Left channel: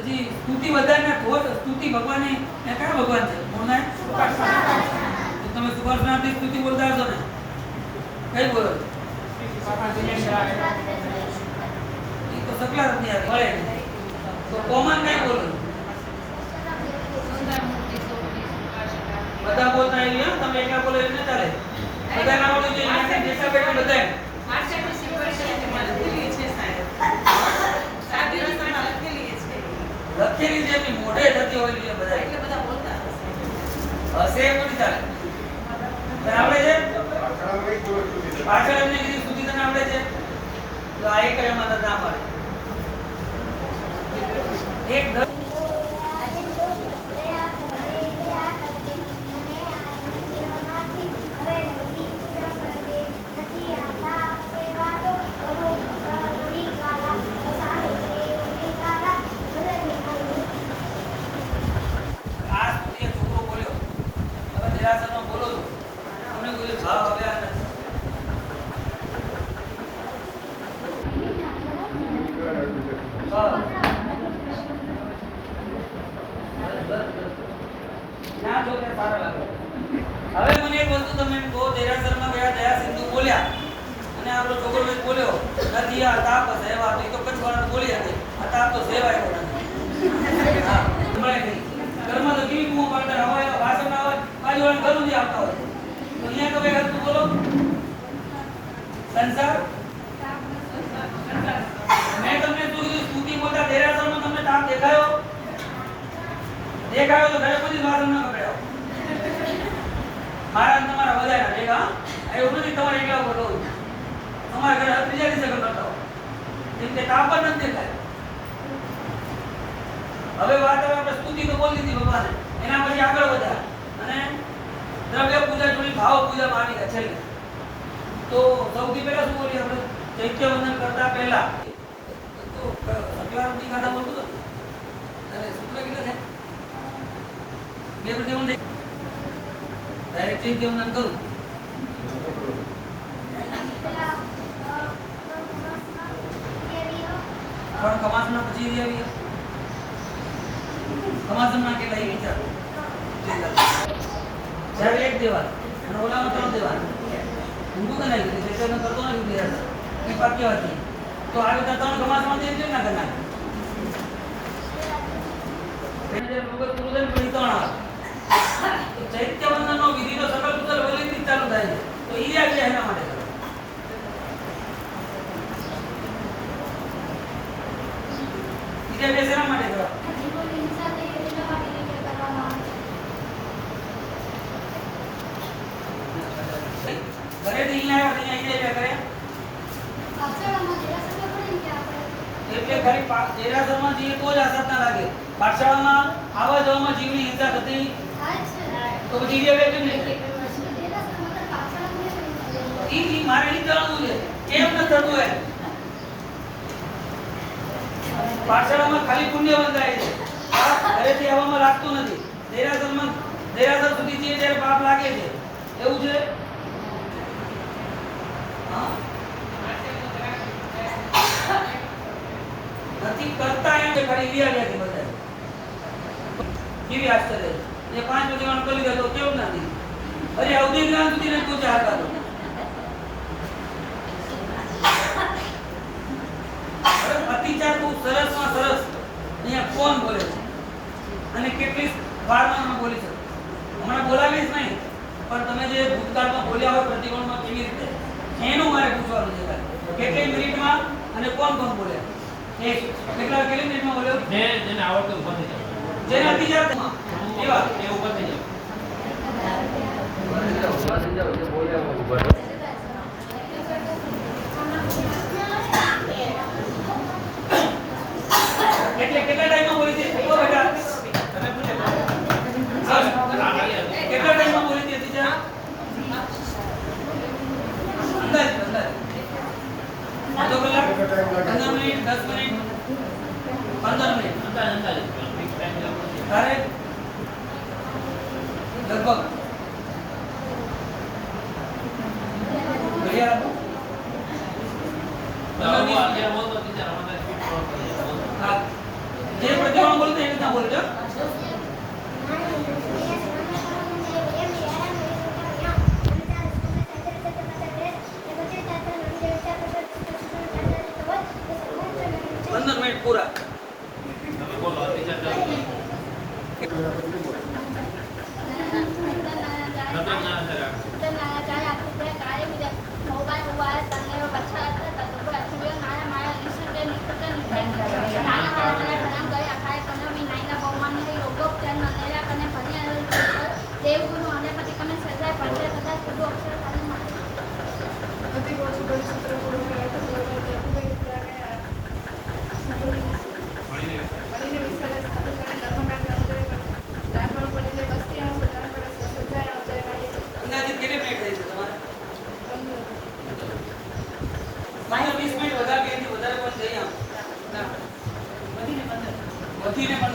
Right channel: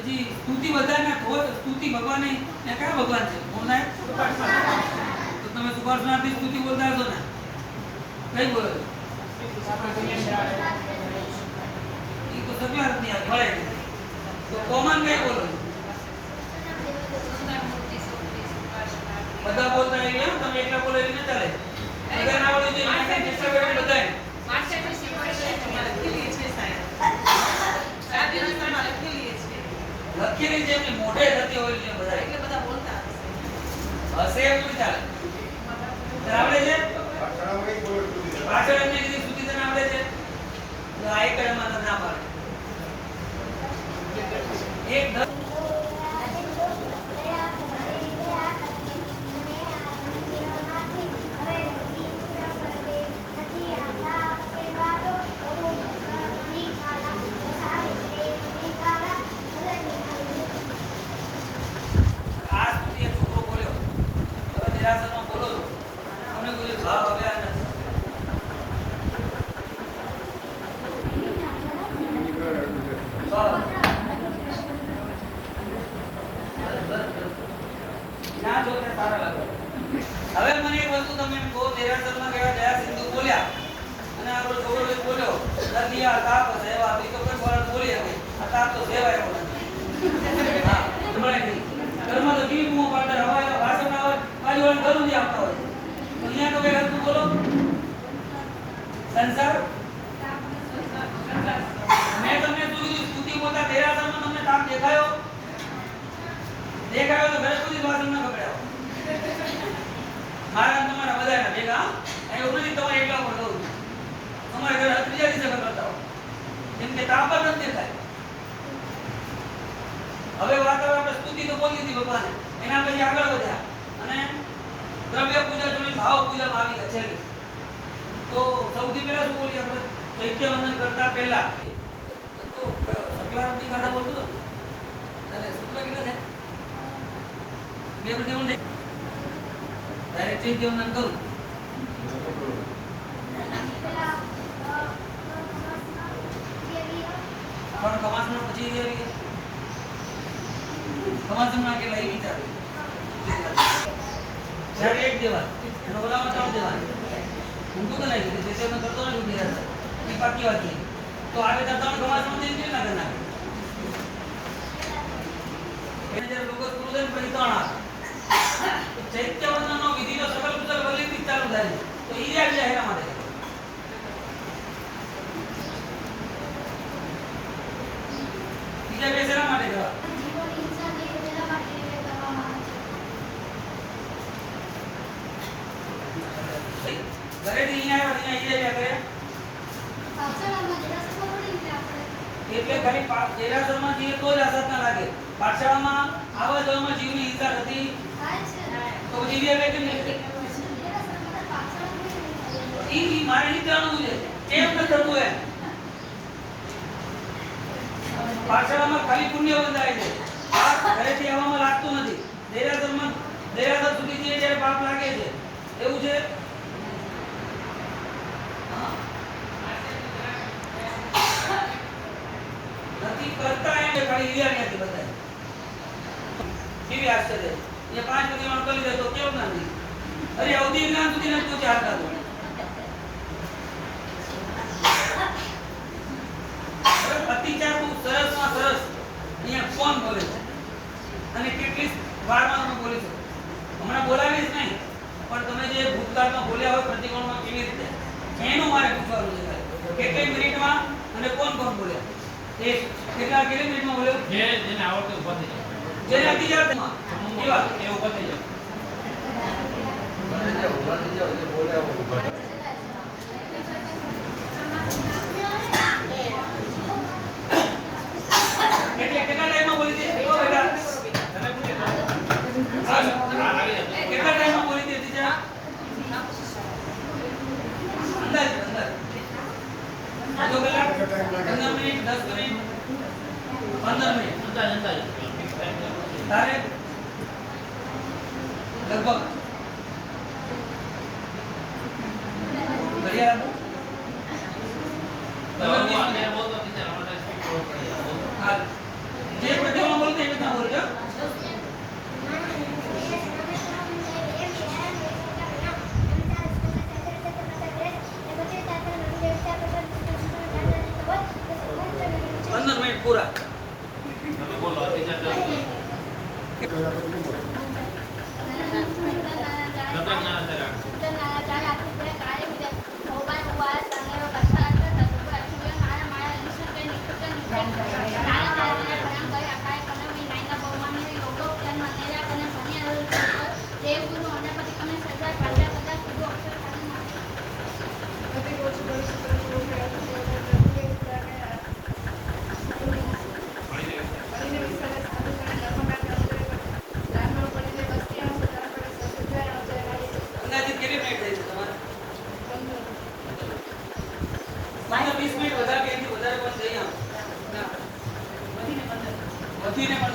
પછી સ્તુતિ વધારે થોત સ્તુતિ ભગવાનની એ કયા ભગવાન છે? મોના તો તમે સુભાષનાથની સ્તુતિ બોલતા હશો ને? કઈ બોલો? એ તો સકલા રત્ની આવે મળે તો કોમન કઈ બોલો? બધા બોલતા આવી? તમે એકલા બોલો એટલે ચાલે. બધા ના બોલી તો એના કાંઈ જેટલા બેઠા બધાય. લખેલી છે એમની મોઢે થતી હોય એટલે બધાય. હશે. એમ નથી ચાલે. બરાબર છે? પાછળ એમને કીધું સુધી તને આવડે છે? તો આ એક એમાં ના પાડે. એક દસ આ સુધી એક છોકરો બોલ્યો હવે નિરાશામાં બોલો છો અમને બોલ્યું ભાવ હવે આ નથી ના છોકરા સારા લાગે હવે મને એક વસ્તુ તમે એમ કહો દેરાસરમાં ગયા દયા સિંધુ બોલ્યા અને આપણો છોકરો એક બોલ્યો નથી આ તાપ સેવા એ તો કઈ વાર બોલી હતી આ તાપ તો સેવા એવો નથી હા, મળે નહીં. ઘરમાં તો કેવી બૂમો પાડતા હોય એવા ભાષણ હોય બાજુવાળાને ઘરું આપતા હોય. અહીંયા તમે કઈ હરખું બોલો. સંસાર? મેં તમને શું કીધું? સ્તુતિ બોલતા દેરાસરમાં તમને તાપ દેખાયો? દેખાયો તો ઘરે બધી વાસણ ન પકડાયો મારા તમારા બધાના ભેગા એવું નથી તમારે એકલા ફોટો. તમારા ઘરે ત્રીજા દિવસે કરતા હો કેમ કે તાપ જ નથી દેખાય. હવે વાત હવે આપણે સ્તુતિ તો બોલી દીધી ભગવાન. એના પછી આગળ વધ્યા. દ્રવ્ય પૂજા જોડી ભાવ પૂજા માની ગયા તો સૌથી પહેલા શું બોલીએ આપણે? ચૈત્ય વંદન કરતા પહેલા. તો સંક્રાંતિ ગાડા બોલતું હતું અને સૂત્ર કેટલા થાય બે મિનિટ બોલ ડાયરેક્ટ ચૈત્ય વંદન કરું. પણ કમાસના પછી કમાસના કેટલા એ વિચાર? જ્યારે એક દેવાન અને ઓલામાં ત્રણ તો એ પાકી વાત ચાલુ થાય એના માટે. કરે. બીજા માટે જવા ઘરેથી અહીંયા આવ્યા ને અહીંયા ઈ આવ્યા કરે એટલે ખાલી દેરાસરમાં જઈએ તો જ અસર ના લાગે. પાઠશાળામાં આવા જવામાં જીવની હિંસા થતી તો પછી આવે કેમ નહીં? ઈ મારે નહીં જાણવું છે. કેમ ન થતું એમ પાઠશાળામાં ખાલી પુણ્ય બંધાય છે. પાપ ઘરેથી આવવામાં લાગતું નથી. દેરાસરમાં દેરાસર સુધી જઈએ ત્યારે પાપ લાગે છે. એવું છે હા. નથી કરતા એમ ખાલી ઈડિયા ગયા બધા કેવી આશ્ચર્ય એ પાંચ બધી કરી દે તો કેવું નથી અરે અવધિ જ્ઞાન સુધી નથી પહોંચ્યા હતા તો અતિચાર બહુ સરસમાં સરસ. અહીંયા કોણ બોલે છે? અને કેટલી વારમાં તમે બોલી શકો. હમણાં બોલાવીશ નહીં, પણ તમે જે ભૂતકાળમાં બોલ્યા હોય પ્રતિકોણમાં કેવી રીતે? એનું મારે પૂછવાનું છે કેટલી મિનિટમાં અને કોણ કોણ બોલ્યા? એ કેટલા કેટલી મિનિટમાં બોલ્યો જે જેને આવડતું ઊભા થઈ જાઓ. જેને અતિચાર કેવા એ ઊભા થઈ. એટલે 뭐죠?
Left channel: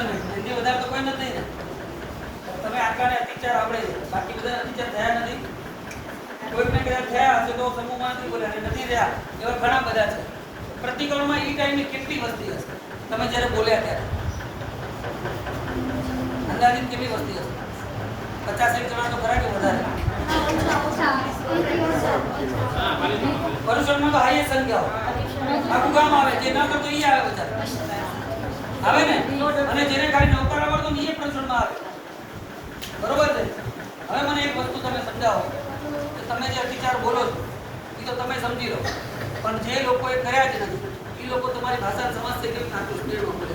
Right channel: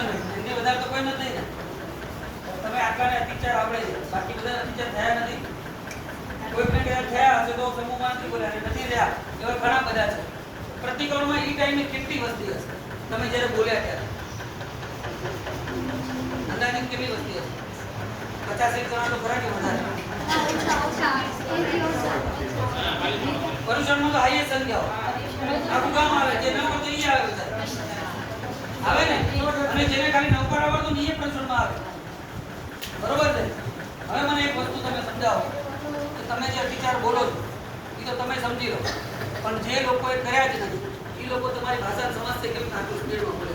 એની વધારે તો કોઈ નથી ને. તમે આટલાને અતિચાર આવડે બાકી બધા અતિચાર થયા નથી. કોઈકને કદાચ થયા હશે તો સમૂહમાં નથી બોલ્યા. નથી રહ્યા. એવા ઘણા બધા છે. પ્રતિક્રમણમાં એ ટાઈમે કેટલી વસ્તી હશે? તમે જ્યારે બોલ્યા ત્યારે. અંદાજિત કેટલી વસ્તી હશે? પચાસ એક જણા તો ખરા કે વધારે? પરુષણમાં તો હાઈએસ્ટ સંખ્યા આખું ગામ આવે. જે ના કરતો એ આવે બધા. આવે ને? અને જેને ખાલી નૌકાર આવડતું ને પણ આવે બરોબર છે હવે મને એક વસ્તુ તમે સમજાવો. કે તમે જે વિચાર બોલો છો, એ તો તમે સમજી લો. પણ જે લોકોએ કર્યા જ નથી, એ લોકો તમારી ભાષા સમજશે કેમ આટલું સ્પીડમાં બોલે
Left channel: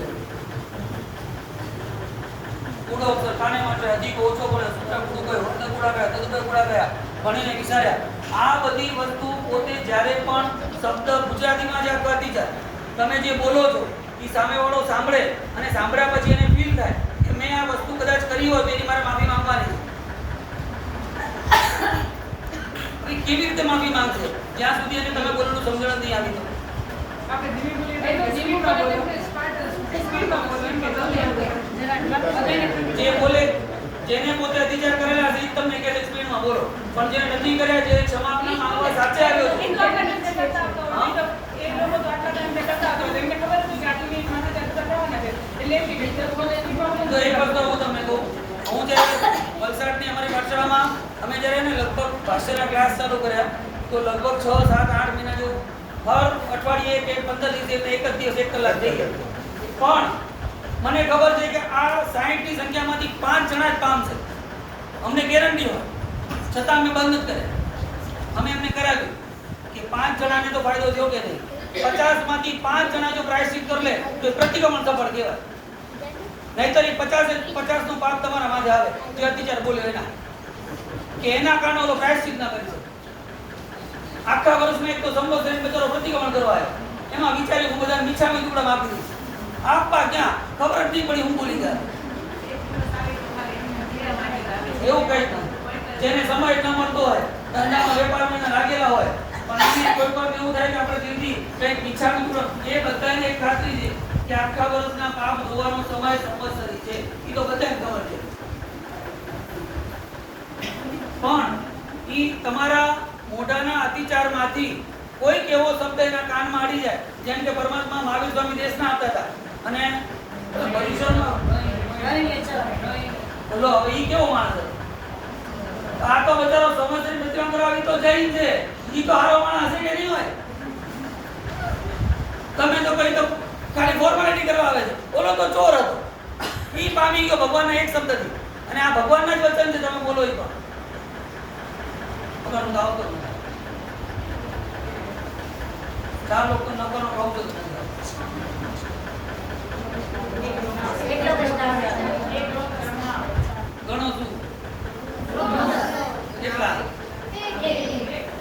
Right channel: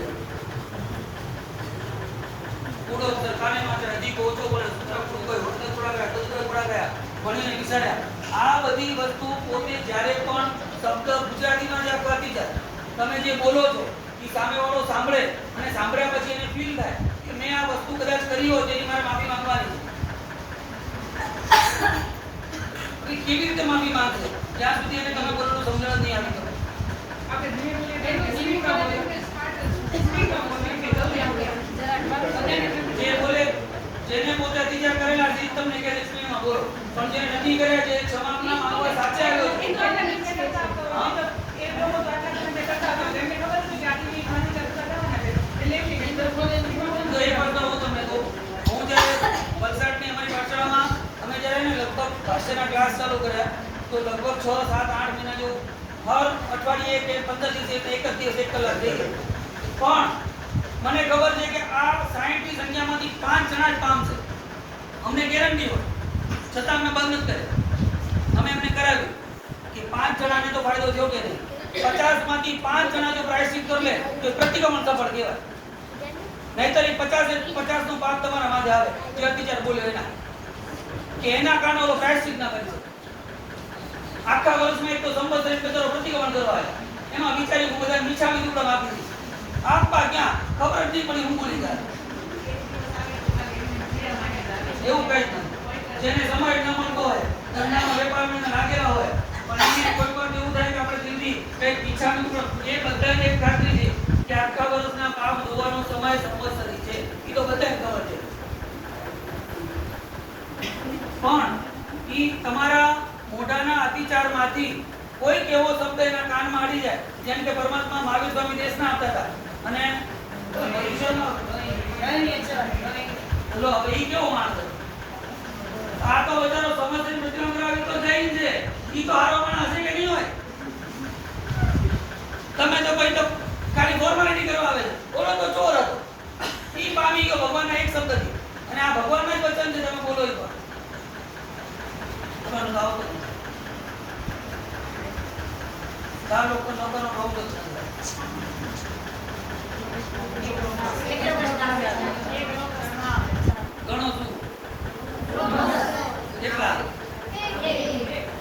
કૂડો અક્ષર માટે અધિક ઓછો બોલે સૂત્ર કૂડો કોઈ વળતર કૂડા ગયા તદુદર કૂડા ગયા ભણીને વિચાર્યા. આ બધી વસ્તુ પોતે જ્યારે પણ શબ્દ ગુજરાતીમાં જ આપવાથી જાય તમે જે બોલો છો એ સામેવાળો સાંભળે અને સાંભળ્યા પછી એને ફીલ થાય કે મેં આ વસ્તુ કદાચ કરી હોય તો એની મારે માફી માંગવાની છે. કેવી રીતે માફી માંગશો? જ્યાં સુધી એને તમે બોલેલું સમજણ નહીં આવી તો જે બોલે જેને પોતે અતિચાર કરેલા છે તમને બોલો. પણ જે નથી કર્યા જે ક્ષમા માંગવા સાચે આવ્યો છે. તો તમને કહું. હું જ્યારે વલસાડની અમારી પાઠશાળામાં અમે જ્યારે ને લગભગ ભાષાના ક્લાસ ચાલુ કર્યા તો લગભગ છ સાત આઠ મહિના જેવું હર અઠવાડિયે કે પંદર દિવસે એક જ દિવસ એક કલાક જઈએ પણ મને ખબર છે કે આ સાહીઠની સંખ્યામાંથી પાંચ જણા જ પામશે અમને ગેરંટી હોય. છતાં અમે બંધ જ કર્યા. અમે એમને કરાવ્યું કે પાંચ જણાને તો ફાયદો થયો કે નહીં? પચાસમાંથી પાંચ જણા જો પ્રાયશ્ચિત કરી લે તો એ પ્રતિક્રમણ સફળ કહેવાય. નહીતર એ પચાસ પચાસનું પાપ તમારા માથે આવે. જે અત્યાચાર બોલે એના. કે એના કારણે ઓલો પ્રાયશ્ચિત ના કરી શકે. આખા વર્ષમાં એક તો સંવત્સરી બચારો પ્રતિક્રમણ કરવા. એમાં વિચારી હું બધા મીઠામી ટુકડા આપી આપવા ક્યાં? ખબર જ નહીં પડી, હું બોલી જાય એવું કઈ નથી જેને સમય ના મળતો હોય, ધંધામાં વેપારમાં લાગેલા હોય, પણ એવું થાય કે આપણે દિલથી કંઈક મીઠામી ટુકડો એ બધાને એક ખાતરી છે. કે આખા વર્ષના પાપ ધોવાનો સમય સંવત્સરી છે. એ તો બધાને ખબર છે. પણ એ તમારા મોઢાના અતિચારમાંથી કોઈક એવો શબ્દ એના કાનમાં અડી જાય, જેમ કે પરમાત્મા મહાવીર સ્વામી દેશના આપતા હતા. અને હવે ઈ કેવો માણસ? આ તો બચારો સમસ્યા પ્રતિક્રમણ કરવા તો જઈ છે. ઈ તો હારો માણસ કે નહીં હોય? તમે તો કઈ તો ખાલી ફોર્માલિટી કરવા આવે છે. બોલો તો ચોર હતો. એ પામી ગયો, ભગવાનના એક શબ્દથી અને આ ભગવાનના જ વચન છે, તમે બોલો એ પણ. તમારું ગાવ તો ચાર લોકો નોકરનો ભાવ તો ગણો શું કેટલા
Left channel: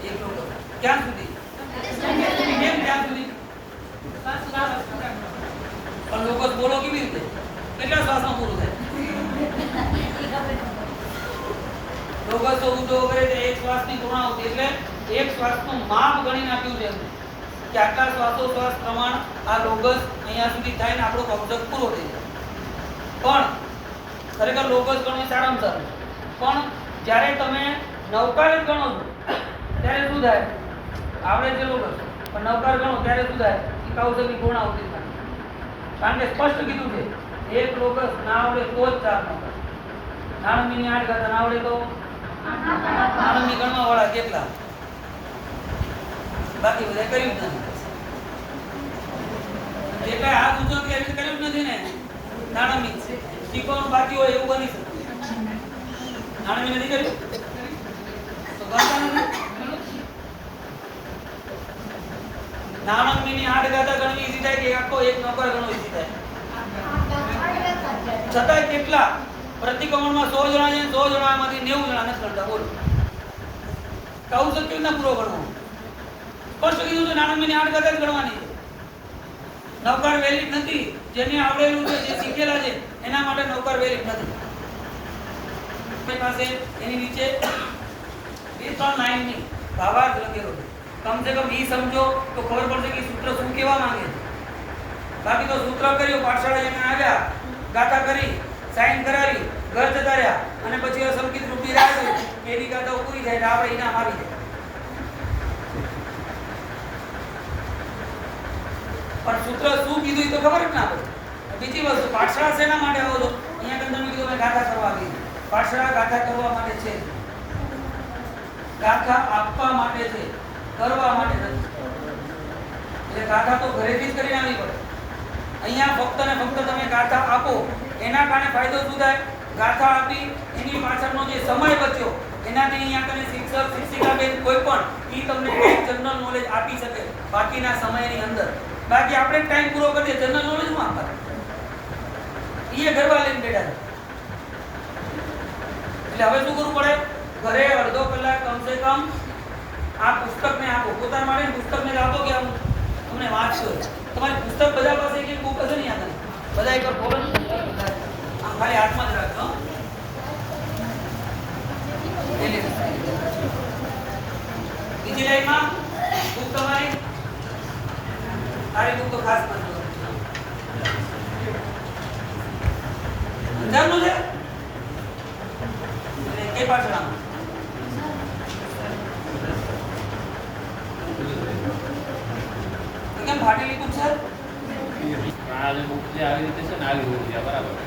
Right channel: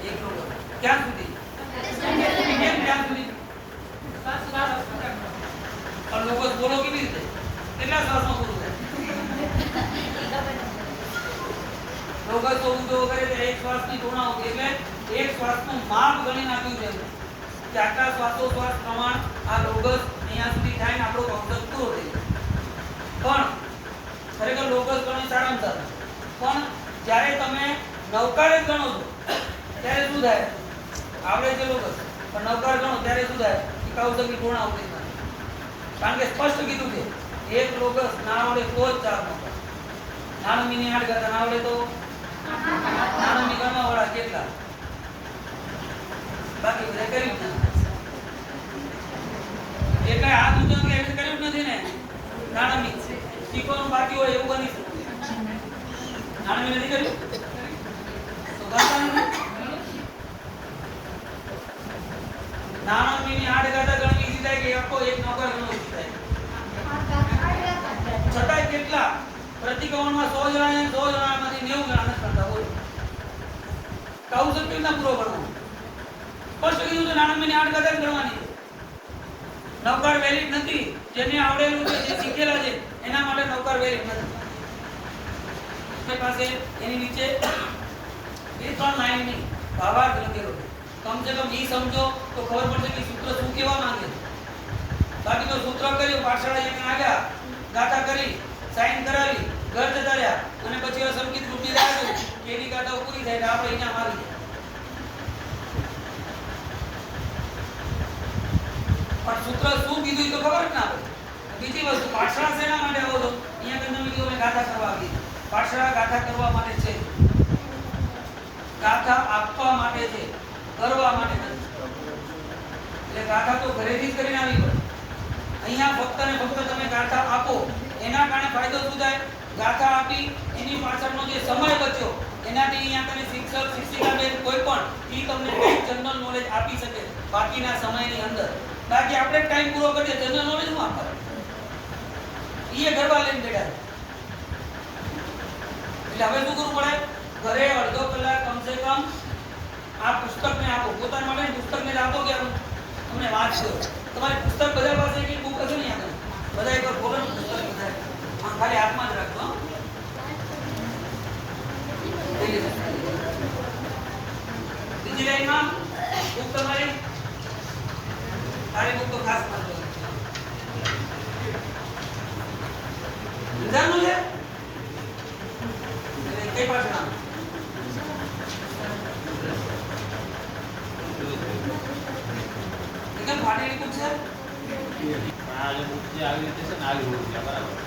એક લોકો ક્યાં સુધી કેમ ક્યાં સુધી પણ લોકો બોલો કેવી રીતે કેટલા શ્વાસમાં પૂરું થાય તો ઊંધો કરે તો એક શ્વાસની પૂર્ણાહુતિ એટલે એક શ્વાસનું માપ ગણી નાખ્યું છે કે આટલા શ્વાસોશ્વાસ પ્રમાણ આ લોગસ અહીંયા સુધી થાય ને આપણો કબજત પૂરો થઈ પણ ખરેખર લોગસ ગણો સારામાં સારું પણ જ્યારે તમે નવકાર ગણો છો, ત્યારે શું થાય? આવડે છે લોગસ પણ નવકાર ગણો, ત્યારે શું થાય? કે કૌશલની પૂર્ણાહુતિ થાય કારણ કે સ્પષ્ટ કીધું છે, એક લોગસ ના આવડે તો જ ચાર નવકાર. નાનું મિની આઠ ગાતા ના આવડે તો નાણંદની ગણવા વાળા આઠ ગાતા ગણવી કે આખો એક નોકર ગણવો છતાંય કેટલા? પ્રતિક્રમણમાં સો જણા છે સો જણામાંથી નેવું જણાને નથી બોલો. કહું તો કેવી રીતના પૂરો કરવો? સ્પષ્ટ કીધું છે નાણાંની આઠ ગાતા જ ગણવાની નૌકાર વેલિડ નથી. જેને આવડેલું છે, જે શીખેલા છે, એના માટે નૌકાર વેલિડ નથી. આપણી પાસે એની નીચે બે ત્રણ લાઈનની ભાવાર્થ લખેલો કમસે કમ ઈ સમજો તો ખબર પડશે કે સૂત્ર શું કહેવા માંગે બાકી તો સૂત્ર કર્યું, પાઠશાળા જેને આવ્યા, ગાથા કરી, સાઈન કરાવી ઘર જતા રહ્યા અને પછી અસંકિત રૂપી રાહ જોઈ એની ગાથાઓ પૂરી થાય એટલે આપણે ઇનામ આવી જાય પણ સૂત્ર શું કીધું તો ખબર જ ના બીજી વસ્તુ પાછળ શેના માટે આવો છો? અહીંયા કે તમે કીધું ગાથા કરવા આવી છે. ગાથા કરવા માટે છે. ગાથા આપવા માટે છે. કરવા માટે નથી. એટલે ગાથા તો ઘરેથી જ કરીને આવી પડે. અહીંયા ફક્ત ને ફક્ત તમે ગાથા આપો. એના કારણે ફાયદો શું થાય? ગાથા આપી, એની પાછળનો જે સમય બચ્યો, એનાથી અહીંયા તમે શિક્ષક શિક્ષિકા બેન કોઈ પણ, ઈ તમને જનરલ નોલેજ આપી શકે બાકીના સમયની અંદર. બાકી આપણે ટાઈમ પૂરો કરીએ જનરલ નોલેજ શું એ ગરબા લઈને બેઠા એટલે હવે શું કરવું પડે? ઘરે અડધો કલાક કમસે કમ આ પુસ્તકને આપો. પોતાના માટે પુસ્તકને આપો કે હું તમને વાંચશો. તમારી પુસ્તક બધા પાસે એક બુક હશે ને યાદ બધા એકવાર ખોલો આમ ખાલી હાથમાં જ રાખજો. બીજી લાઈનમાં બુક તમારી? ખાલી બુક તો ખાસ નથી સમજાણું છે એટલે કઈ પાછળ આમ? તો કેમ ફાટેલી બુક છે આ જે book જે આવી રીતે છે ને આવી હોવી જોઈએ, બરાબર છે.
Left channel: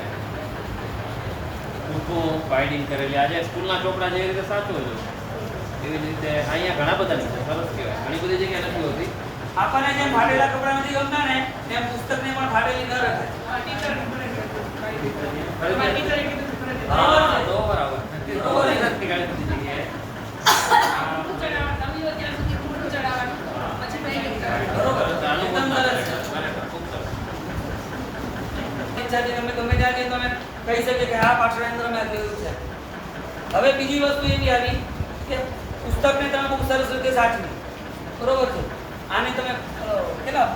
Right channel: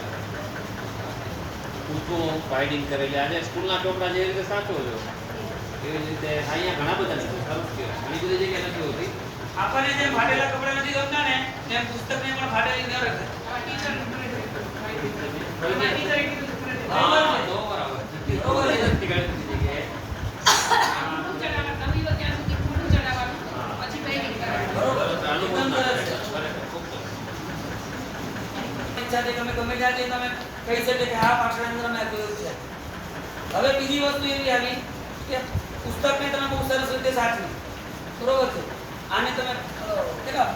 ઊંચું બાઇન્ડિંગ કરેલી. આજે સ્કૂલના ચોપડા જેવી રીતે સાચો છો એવી રીતે અહીંયા ઘણા બધા સરસ કહેવાય. ઘણી બધી જગ્યાએ નથી હોતી. આપણને જેમ ફાટેલા કપડા નથી ગમતા ને તેમ પુસ્તકને પણ ફાટેલી ન રખાય તમે ગમે ત્યાં તમે કહી શકે કે આ પાછળ અંદર મેં કહ્યું છે. હવે બીજી વસ્તુ એવી આવી કે પુસ્તકને તમે બહુ સરસ રીતે સાચવી. બરોબર છે? આને તમે કેટલા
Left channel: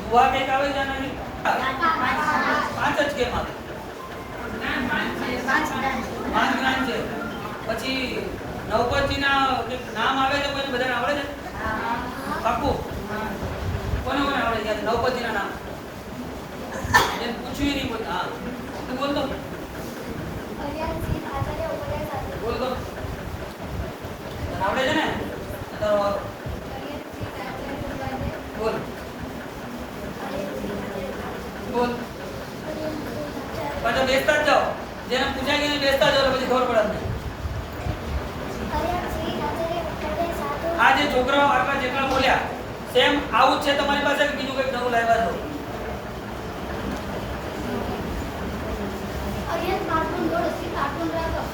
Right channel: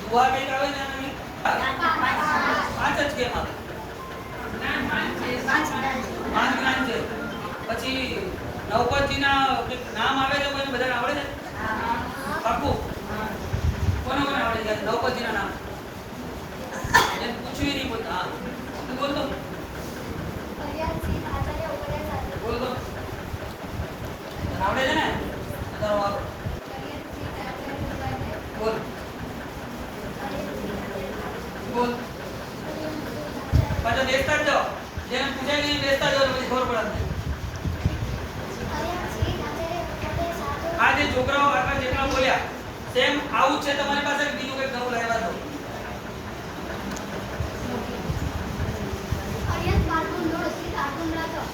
દુહા કંઈક આવે છે આના પાંચ જ કેમ આવે. પાંચ નામ છે. પછી નવપતજીના કંઈક નામ આવે તો બધા બધાને આવડે છે? પાક્કું? કોને કોને આવડે છે? નવપતજીના નામ. પૂછ્યું નહીં પણ હા. તું બોલ તો બોલ તો આવડે છે ને તો બોલ બોલ પાછા બેસતા જ જાઓ જેને પૂછાય નહીં બેસતા જ જાઓ પછી ખબર પડે આ જે છોકરાઓ આટલા જેટલા બોલ્યા સેમ આવું જ છે તમારી પાસે કે બીજું કંઈક નવું લાવ્યા છો તો તો ભરતી ભરતી ઈ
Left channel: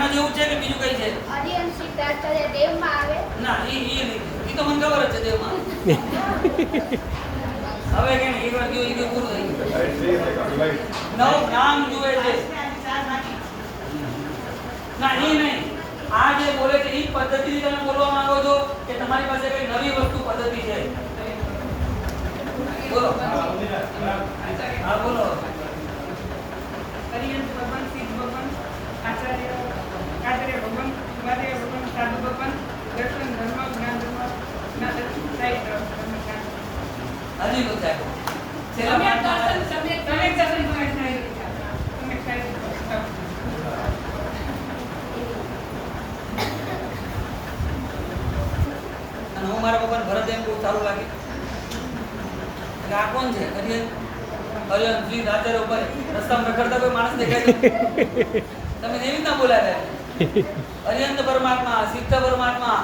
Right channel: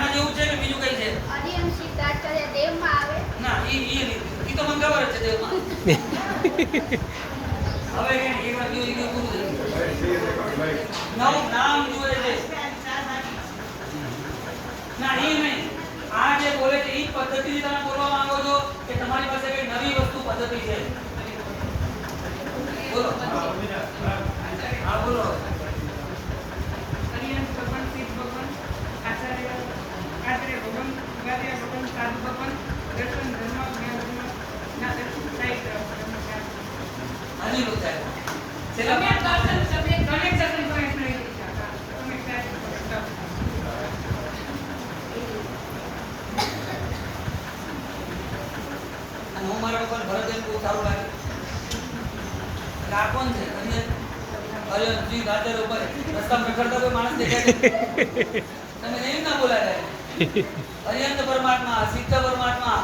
મેં જેવું બીજું કઈ છે? દેવમાં આવે ના એ એ ઈ તો મને ખબર છે દેવમાં. હવે કે એક વાર જોઈ નામ જુએ છે. ના એ નહીં. આ જે બોલે છે એ પદ્ધતિથી તમે બોલવા માંગો છો કે તમારી પાસે કઈ નવી વસ્તુ પદ્ધતિ છે? બોલો. હા બોલો. હરિયન ભગવાન સિદ્ધ ભગવાન આચાર્ય આચાર્ય ભગવાન વાદ્ય ભગવાન સાધુ ભગવાન દર્શન ધર્મ જ્ઞાન ધર્મ ના દર્શન સાહિત્ય હજી નું તમારા લોકોને ભરત એમ બહુ સારું લાગે અને આ કોણ છે? કદી અરે જી રાતે ઉપર રસ્તામાં રખડતા કોઈ માણસ દેખાય તમે એવી ના બોલાવ્યા અરિયંત પરમાત્મા, સિદ્ધ પરમાત્મા,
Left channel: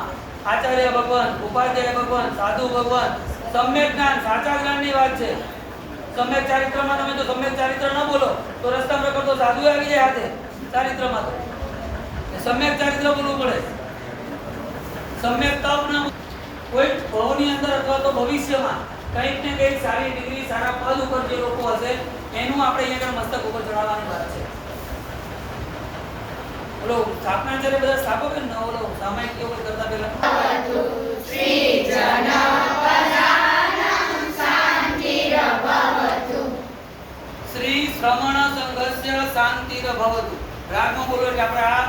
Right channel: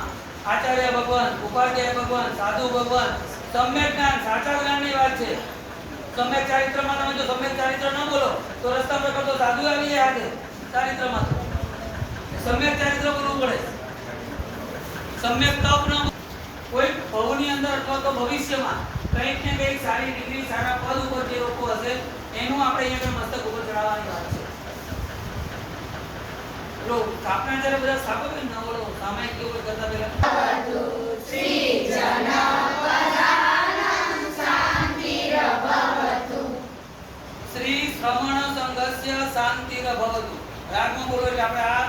આચાર્ય ભગવાન, ઉપાધ્યાય ભગવાન, સાધુ ભગવાન સમ્યક જ્ઞાન, સાચા જ્ઞાનની વાત છે. સમ્યક ચારિત્રમાં તમે જો સમ્યક ચારિત્ર ન બોલો, તો રસ્તામાં રખડતો સાધુ આવી જાય હાથે, ચારિત્રમાં તો. સમ્યક ચારિત્ર બોલવું પડે. સમ્યક તપ ના કોઈ ભવની અંદર અથવા તો ભવિષ્યમાં કંઈક ને કંઈક સારી ડિગ્રી સારા પદ ઉપર જે લોકો હશે એનું આપણે અહીંયા મસ્તક ઉપર ચડાવવાની વાત છે. લો સ્થાપના જ્યારે બધા સ્થાપો કે નવો લો સામાયિક કેવું કરતા પહેલા? શ્રી સંઘસ્ય શાંતિર ભવતુ રાગમાં બોલો એટલે આપણે આ